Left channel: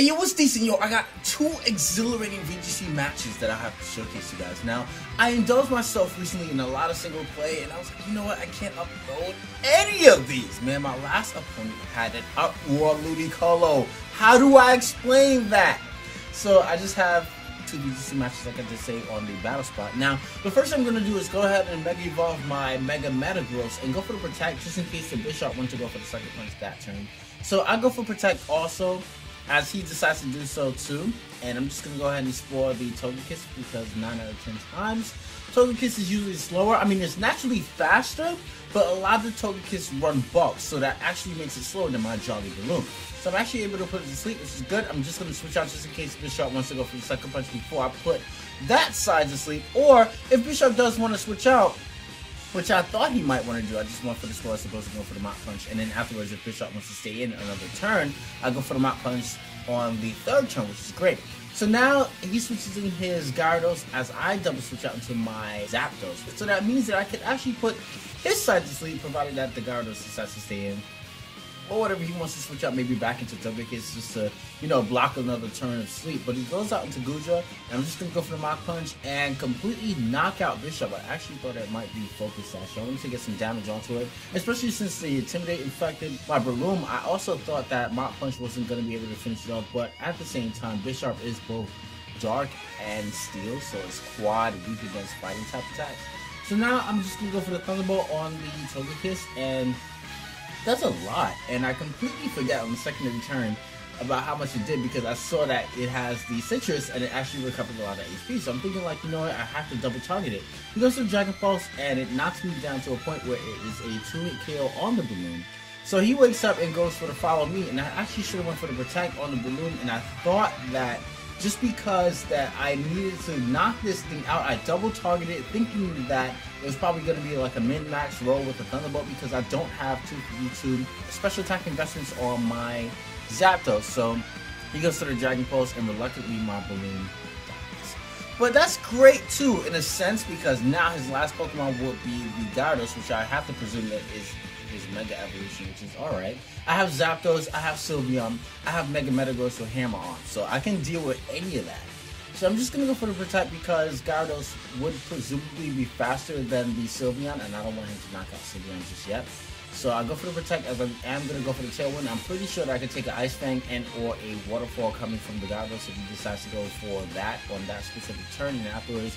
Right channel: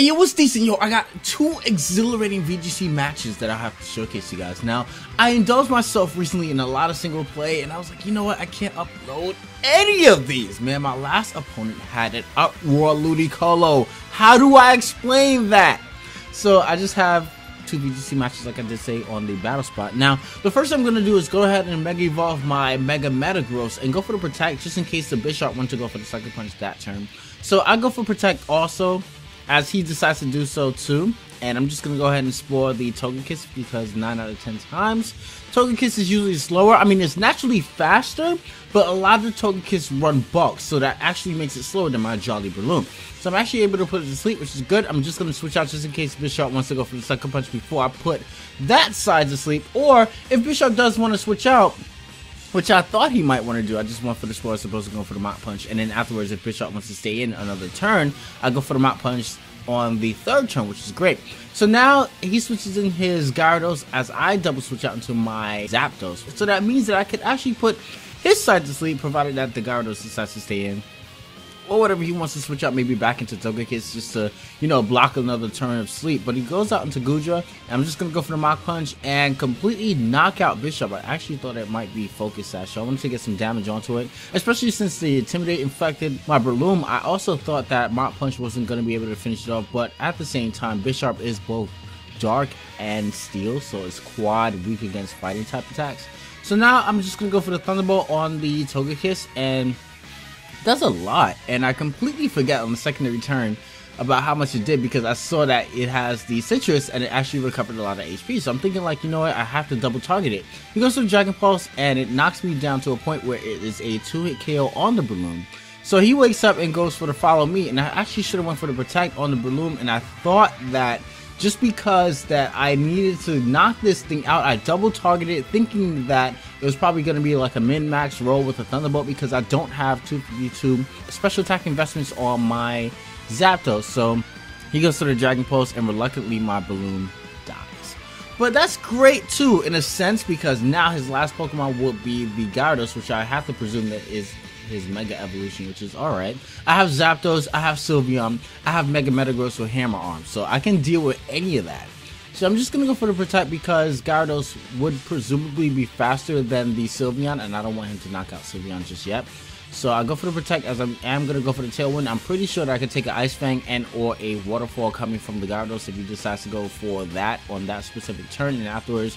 And yo, what's decent? Yo, I got 2 exhilarating VGC matches that I have to showcase you guys. Now, I indulged myself recently in a lot of single play, and I was like, you know what? I can't upload any of these. Man, my last opponent had an uproar Ludicolo. How do I explain that? So, I just have 2 VGC matches, like I did say, on the BattleSpot. Now, the first thing I'm going to do is go ahead and Mega Evolve my Mega Metagross and go for the Protect, just in case the Bishop wants to go for the Sucker Punch that turn. So, I go for Protect also, as he decides to do so too, and I'm just going to go ahead and explore the Togekiss because 9 out of 10 times, Togekiss is usually slower. I mean, it's naturally faster, but a lot of the Togekiss run bulk, so that actually makes it slower than my Jolly Balloon. So I'm actually able to put it to sleep, which is good. I'm just going to switch out just in case Bishop wants to go for the Sucker Punch before I put that side to sleep, or if Bishop does want to switch out, which I thought he might want to do. I just went for the Spore as opposed to go for the Mach Punch. And then afterwards, if Bishop wants to stay in another turn, I go for the Mach Punch on the 3rd turn, which is great. So now he switches in his Gyarados as I double switch out into my Zapdos. So that means that I could actually put his side to sleep, provided that the Gyarados decides to stay in. Or whatever he wants to switch out, maybe back into Togekiss just to, you know, block another turn of sleep. But he goes out into Goodra, and I'm just going to go for the Mach Punch and completely knock out Bishop. I actually thought it might be Focus Sash, so I wanted to get some damage onto it, especially since the Intimidate infected my Breloom. I also thought that Mach Punch wasn't going to be able to finish it off, but at the same time, Bishop is both Dark and Steel, so it's quad weak against fighting type attacks. So now I'm just going to go for the Thunderbolt on the Togekiss, and does a lot, and I completely forget on the secondary turn about how much it did because I saw that it has the Citrus and it actually recovered a lot of HP. So I'm thinking, like, you know what, I have to double target it. He goes to the Dragon Pulse and it knocks me down to a point where it is a 2-hit KO on the Breloom. So he wakes up and goes for the Follow Me, and I actually should have went for the Protect on the Breloom, and I thought that just because that I needed to knock this thing out, I double targeted thinking that it was probably going to be like a min-max roll with a Thunderbolt because I don't have 252 special attack investments on my Zapdos. So he goes to the Dragon Pulse and reluctantly my Balloon dies. But that's great too in a sense because now his last Pokemon will be the Gyarados, which I have to presume that is his Mega Evolution, which is alright. I have Zapdos, I have Sylveon, I have Mega Metagross with Hammer Arm, so I can deal with any of that. So I'm just going to go for the Protect because Gyarados would presumably be faster than the Sylveon, and I don't want him to knock out Sylveon just yet. So I go for the Protect as I am going to go for the Tailwind. I'm pretty sure that I could take an Ice Fang and or a Waterfall coming from the Gyarados if he decides to go for that on that specific turn, and afterwards,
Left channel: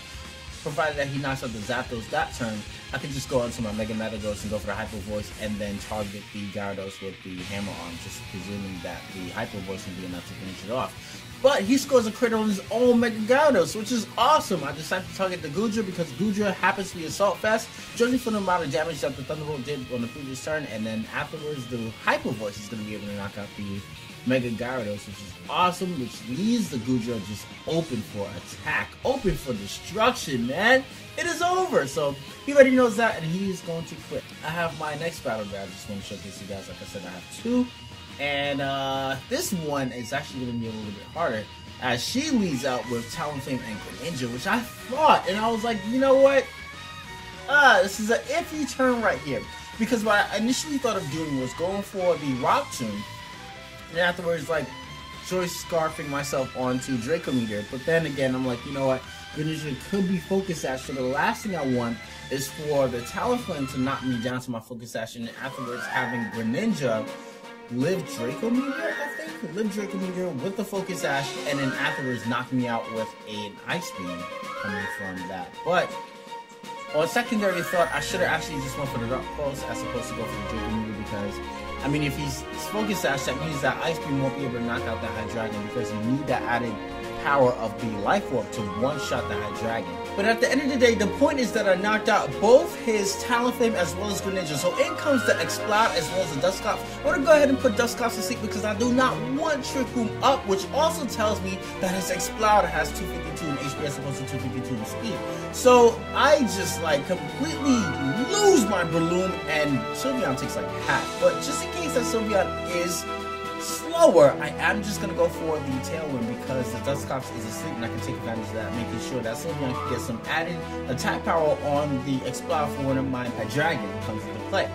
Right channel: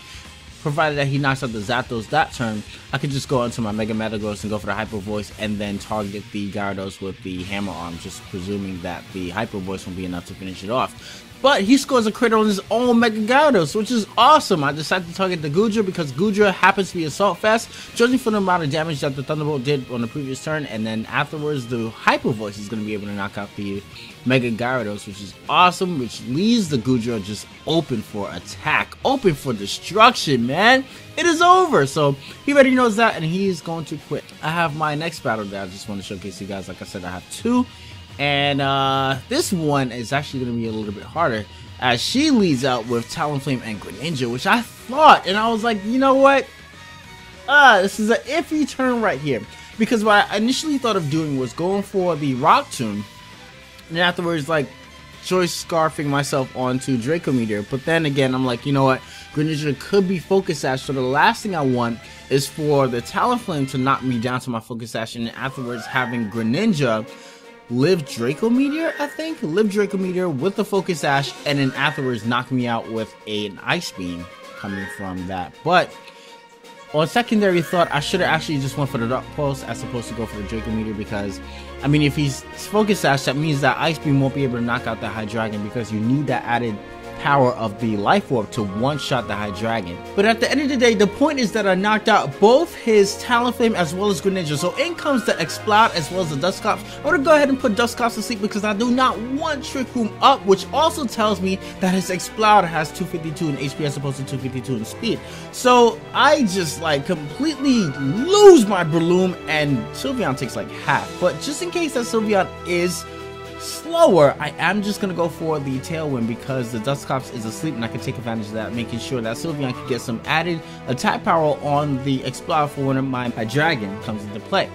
provided that he knocks out the Zapdos that turn, I could just go into my Mega Metagross and go for the Hyper Voice and then target the Gyarados with the Hammer Arm, just presuming that the Hyper Voice will be enough to finish it off. But he scores a crit on his own Mega Gyarados, which is awesome. I decided to target the Goodra because Goodra happens to be Assault Fast, judging from the amount of damage that the Thunderbolt did on the previous turn, and then afterwards the Hyper Voice is going to be able to knock out the Mega Gyarados, which is awesome, which leaves the Goodra just open for attack, open for destruction, man. It is over, so he already knows that, and he is going to quit. I have my next battle that I just want to showcase you guys. Like I said, I have 2, and this one is actually going to be a little bit harder, as she leads out with Talonflame and Greninja, which I thought, and I was like, you know what? This is an iffy turn right here, because what I initially thought of doing was going for the Rock Tomb, and afterwards, like, choice scarfing myself onto Draco Meteor. But then again, I'm like, you know what? Greninja could be Focus Sash, so the last thing I want is for the Talonflame to knock me down to my Focus Sash, and afterwards having Greninja live Draco Meteor, I think? Live Draco Meteor with the Focus Sash, and then afterwards knock me out with an Ice Beam coming from that. But on secondary thought, I should have actually just went for the Dark Pulse as opposed to go for the Draco Meteor because, I mean, if he's Focus Sash, that means that Ice Beam won't be able to knock out that Hydreigon because you need that added power of the Life Orb to one-shot the Hydreigon. But at the end of the day, the point is that I knocked out both his Talonflame as well as Greninja. So in comes the Exploud as well as the Dusclops. I want to go ahead and put Dusclops to sleep because I do not want Trick Room up, which also tells me that his Exploud has 252 in HP as opposed to 252 in speed. So I just like completely lose my Breloom, and Sylveon takes like half. But just in case that Sylveon is slower, I am just going to go for the Tailwind because the Dusclops is asleep and I can take advantage of that, making sure that Sylveon can get some added attack power on the Exploud for when my Dragon comes into play.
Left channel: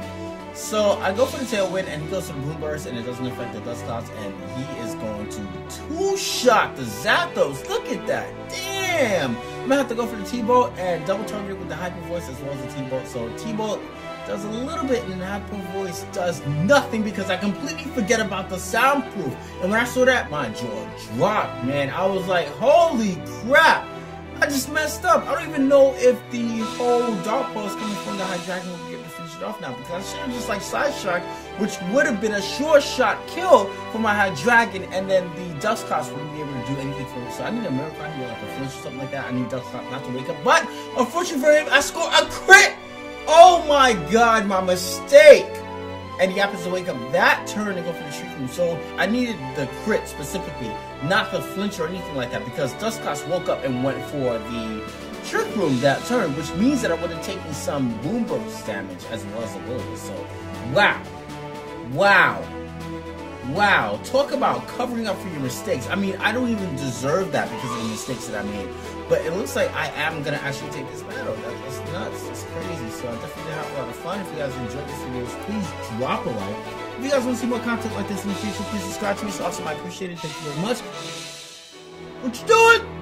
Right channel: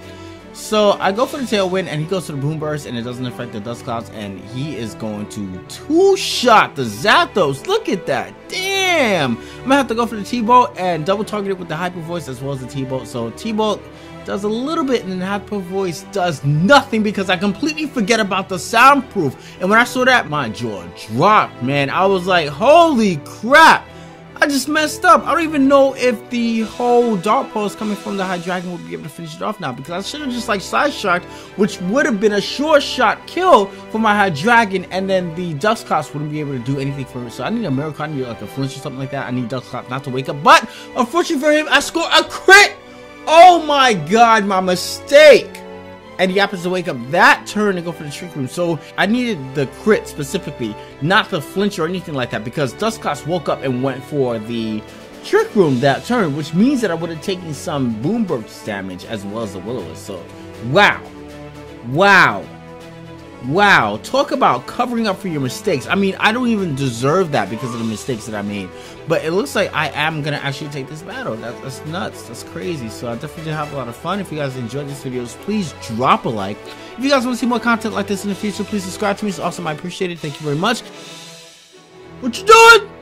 So I go for the tailwind, and he goes to the boom burst, and it doesn't affect the dust clouds, and he is going to two-shot the Zapdos. Look at that. Damn. I'm gonna have to go for the T-Bolt and double target it with the Hyper Voice as well as the T-Bolt. So T-Bolt does a little bit, and the Hyper Voice does nothing because I completely forget about the soundproof. And when I saw that, my jaw dropped, man. I was like, holy crap. I just messed up. I don't even know if the whole Dark Pulse coming from the Hydreigon will be able to finish it off now, because I should have just like Side Shark, which would have been a sure shot kill for my Hydreigon, and then the Dusclops wouldn't be able to do anything for it. So I need a miracle, I need like a flinch or something like that. I need Dusclops not to wake up, but unfortunately for him, I score a crit. Oh my god, my mistake. And he happens to wake up that turn and go for the Trick Room. So I needed the crit specifically, not the flinch or anything like that, because Dusclops woke up and went for the Trick Room that turn, which means that I would have taken some boom burst damage as well as the Will-O-Wisp. So wow, wow, wow, talk about covering up for your mistakes. I mean, I don't even deserve that because of the mistakes that I made, but it looks like I am gonna actually take this battle. That's nuts. That's crazy. So I definitely did have a lot of fun. If you guys enjoyed this video, just please drop a like. If you guys want to see more content like this in the future, please subscribe to me. It's awesome. I appreciate it. Thank you very much. What you doing?